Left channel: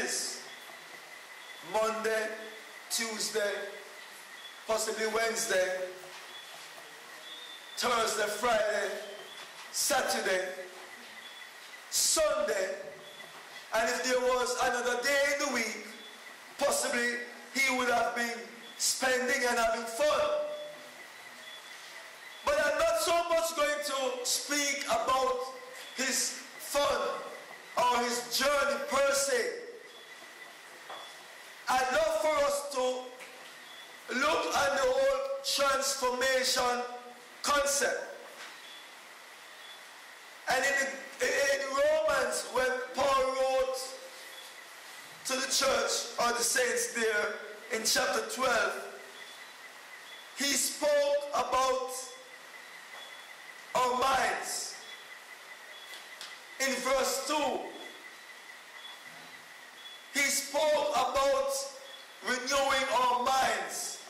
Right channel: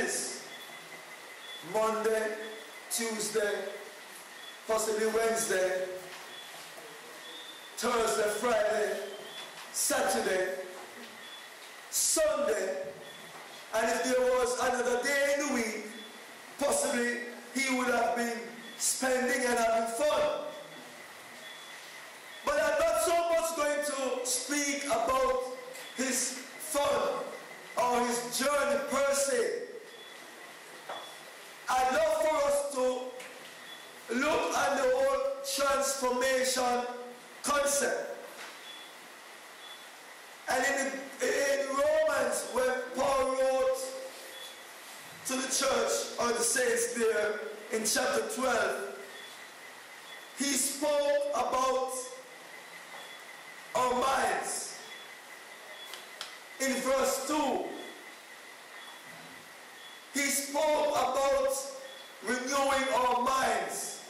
is Monday, Tuesday, possibly Wednesday, Thursday, Friday, Saturday, Sunday, and if there was another day in the week, possibly he would have been spending and having fun. But I'm not so much going to speak about his fun or his journey per se. I'd love for us to look at the whole transformation concept. And in Romans, when Paul wrote to the church or the saints there in chapter 12, he spoke about our minds. In verse 2, he spoke about renewing our minds.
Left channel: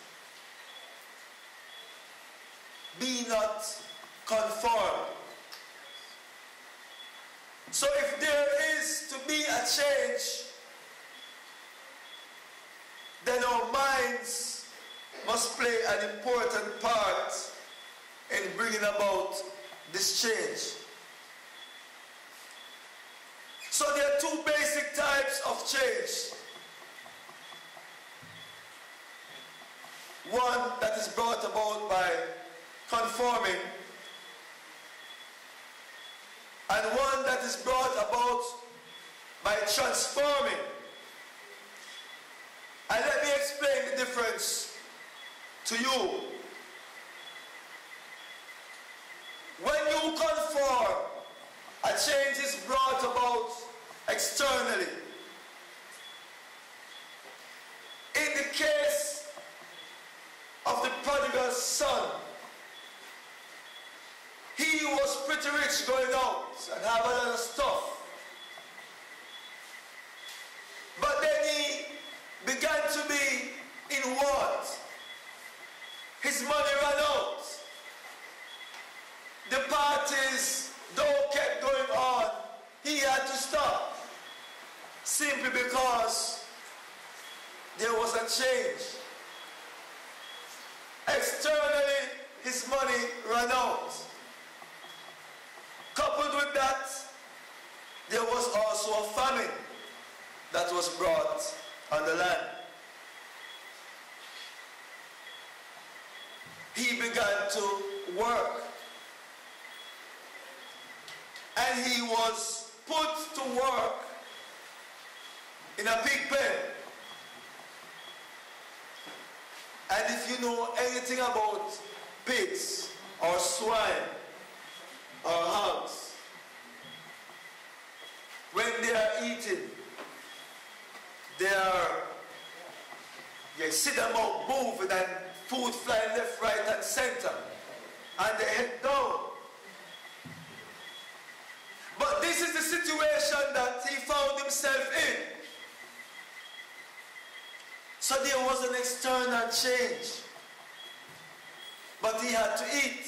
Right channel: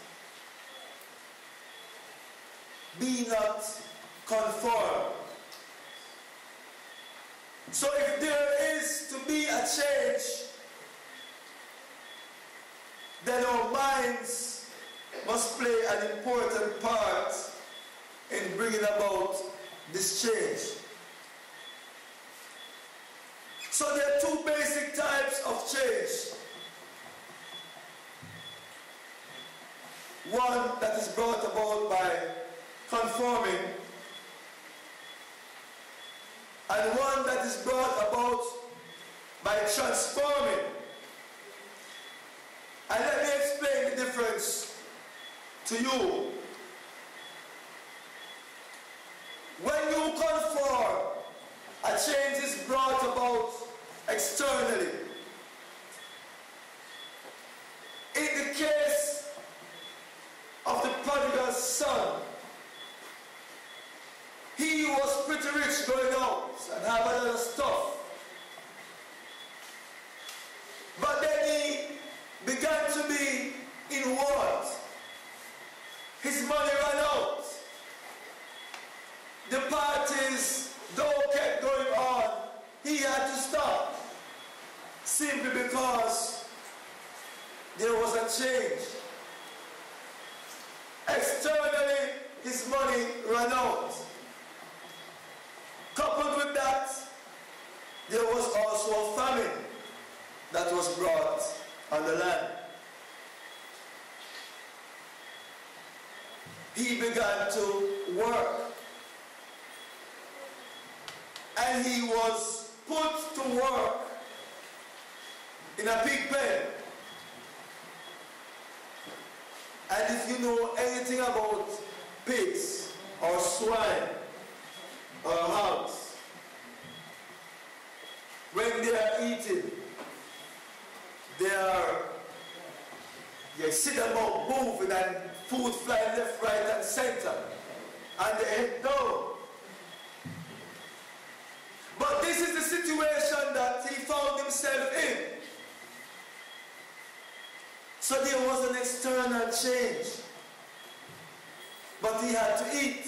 Be not conformed. So if there is to be a change, then our minds must play an important part in bringing about this change. So there are two basic types of change. One that is brought about by conforming, and one that is brought about by transforming. And let me explain the difference to you. When you conform, a change is brought about externally. In the case of the prodigal son, he was pretty rich going out and have a lot of stuff. But then he began to be in want. His money ran out. The parties, though, kept going on. He had to stop. Simply because there was a change. Externally, his money ran out. Coupled with that, there was also a famine that was brought on the land. He began to work. And he was put to work in a pig pen. And if you know anything about pigs or swine or hogs, when they are eating, they sit about moving and food flying left, right, and center, and they head down. But this is the situation that he found himself in. So there was an external change, but he had to eat.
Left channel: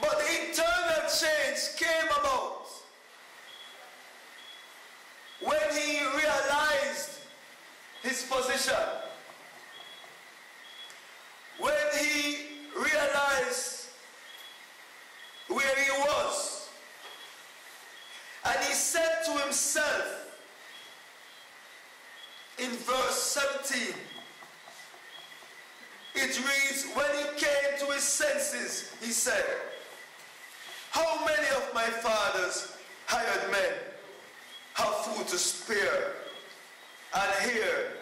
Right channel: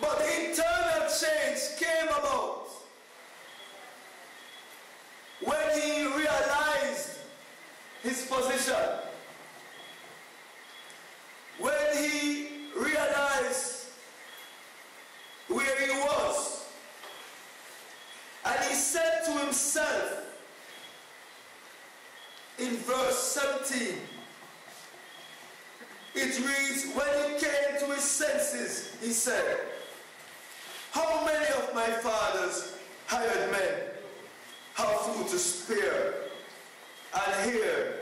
But the internal change came about when he realized his position. When he realized where he was. And he said to himself in verse 17, it reads, when he came to his senses, he said, how many of my father's hired men have food to spare, and here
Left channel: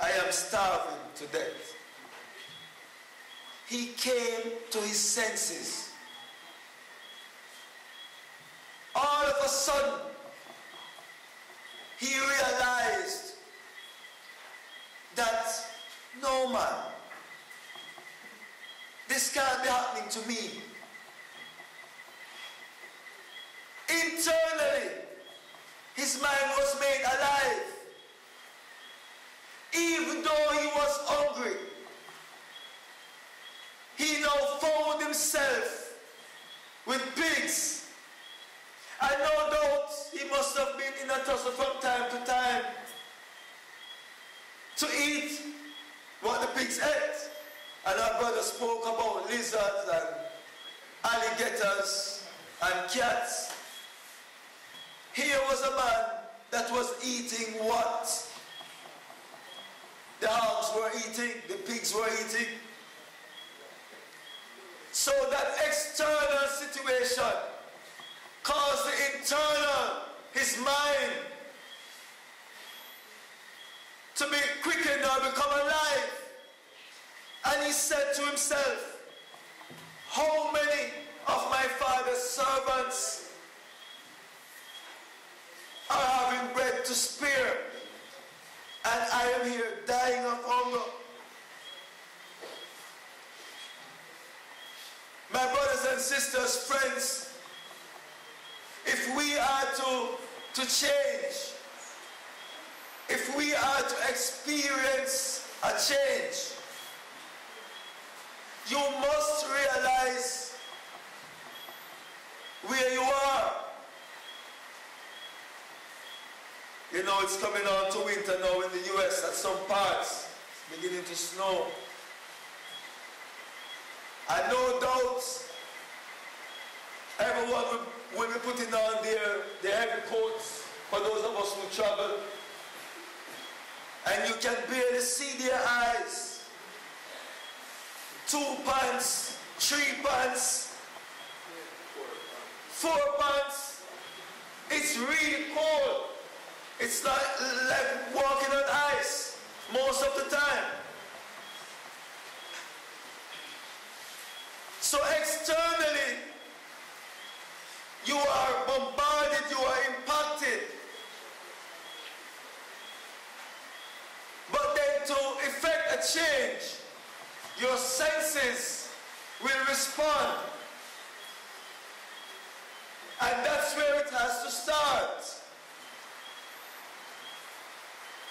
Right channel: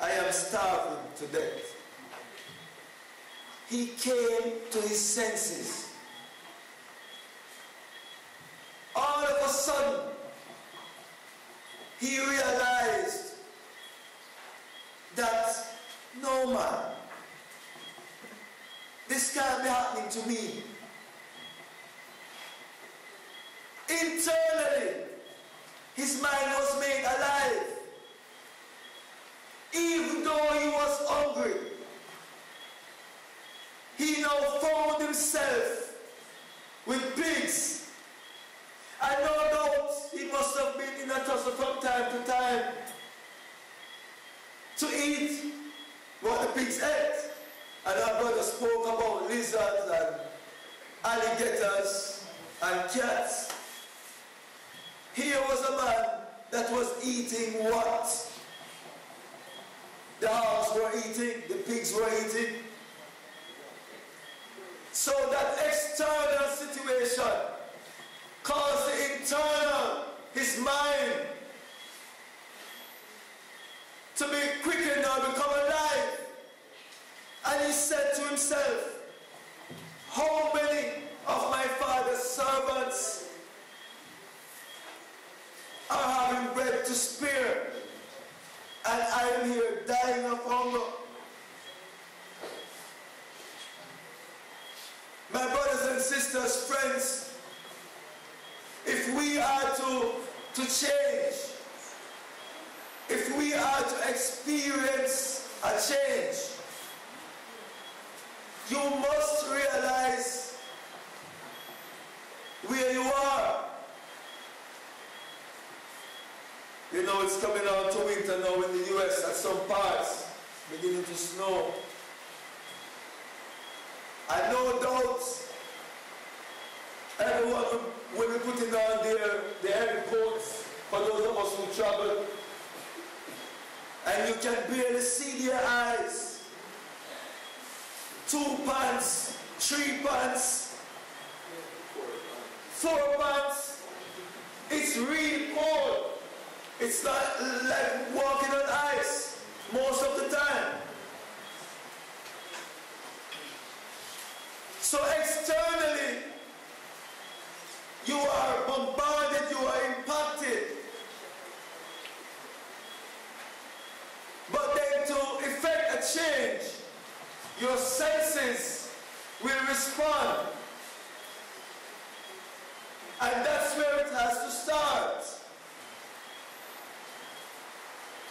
I am starving to death? He came to his senses. All of a sudden, he realized that no man, this can't be happening to me. Internally, his mind was made alive. Even though he was hungry, he now found himself with pigs. And no doubt he must have been looking at us from time to time to eat what the pigs ate. And our brother spoke about lizards and alligators and cats. Here was a man that was eating what the hogs were eating, the pigs were eating. So that external situation caused the internal, his mind, to be quickened or become alive. And he said to himself, how many of my father's servants are having bread to spare, and I am here dying of hunger? My brothers and sisters, friends, if we are to change, if we are to experience a change, you must realize where you are. You know, it's coming on to winter now in the US at some parts, beginning to snow. And no doubt, everyone will be putting on their heavy coats for those of us who travel. And you can barely see their eyes. 2 pants, 3 pants, 4 pants. It's really cold. It's like walking on ice most of the time. So externally, you are bombarded, you are impacted. But then to effect a change, your senses will respond. And that's where it has to start.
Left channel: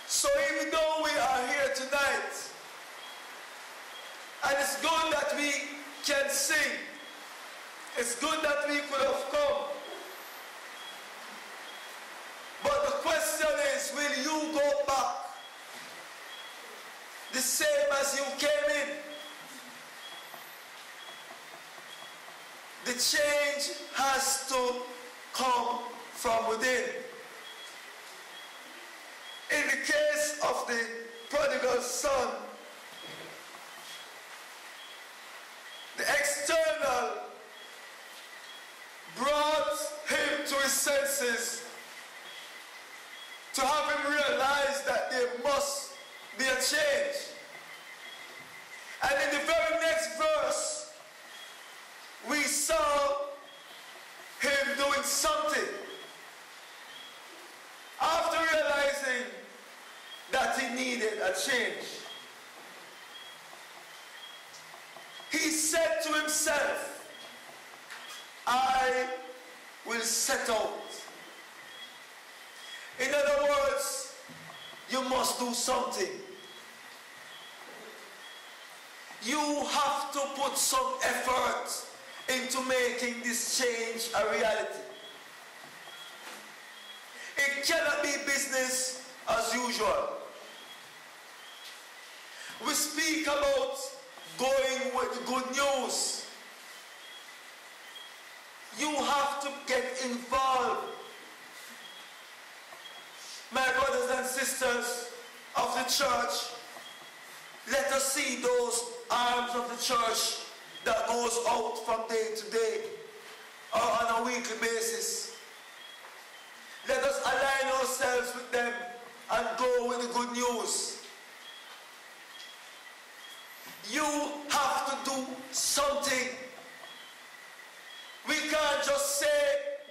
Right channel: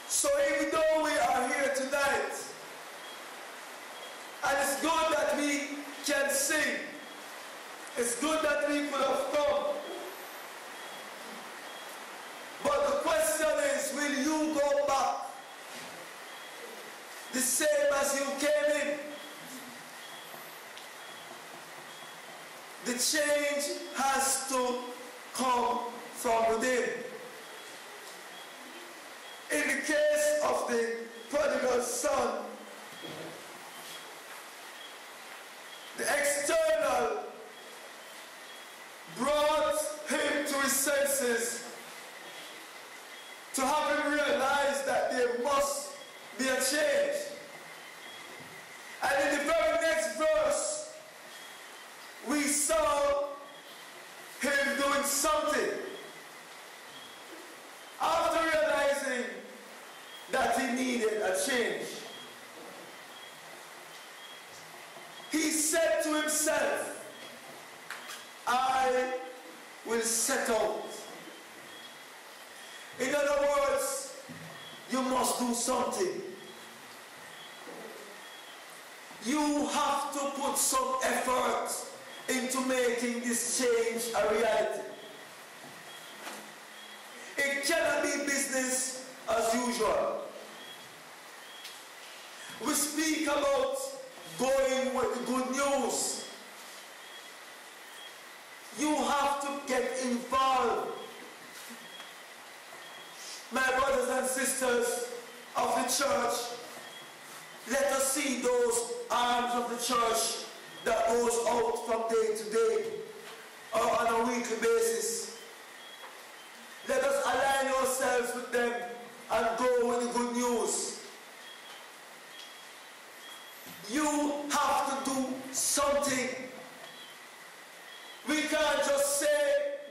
So even though we are here tonight, and it's good that we can sing, it's good that we could have come, but the question is, will you go back the same as you came in? The change has to come from within. In the case of the prodigal son, the external brought him to his senses, to have him realize that there must be a change. And in the very next verse, we saw him doing something. After realizing that he needed a change, he said to himself, I will set out. In other words, you must do something. You have to put some effort into making this change a reality. It cannot be business as usual. We speak about going with the good news. You have to get involved. My brothers and sisters of the church, let us see those arms of the church that goes out from day to day or on a weekly basis. Let us align ourselves with them and go with the good news. You have to do something. We can't just say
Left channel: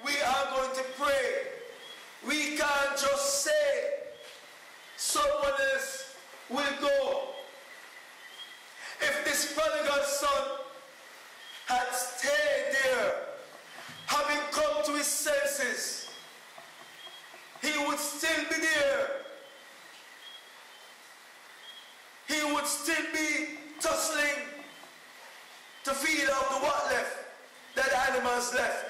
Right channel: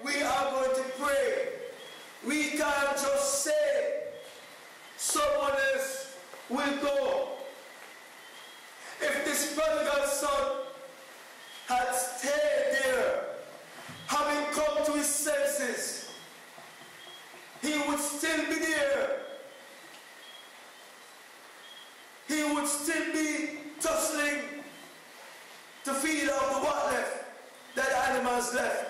we are going to pray. We can't just say someone else will go. If this prodigal son had stayed there, having come to his senses, he would still be there. He would still be tussling to feed out the what left, that animals left.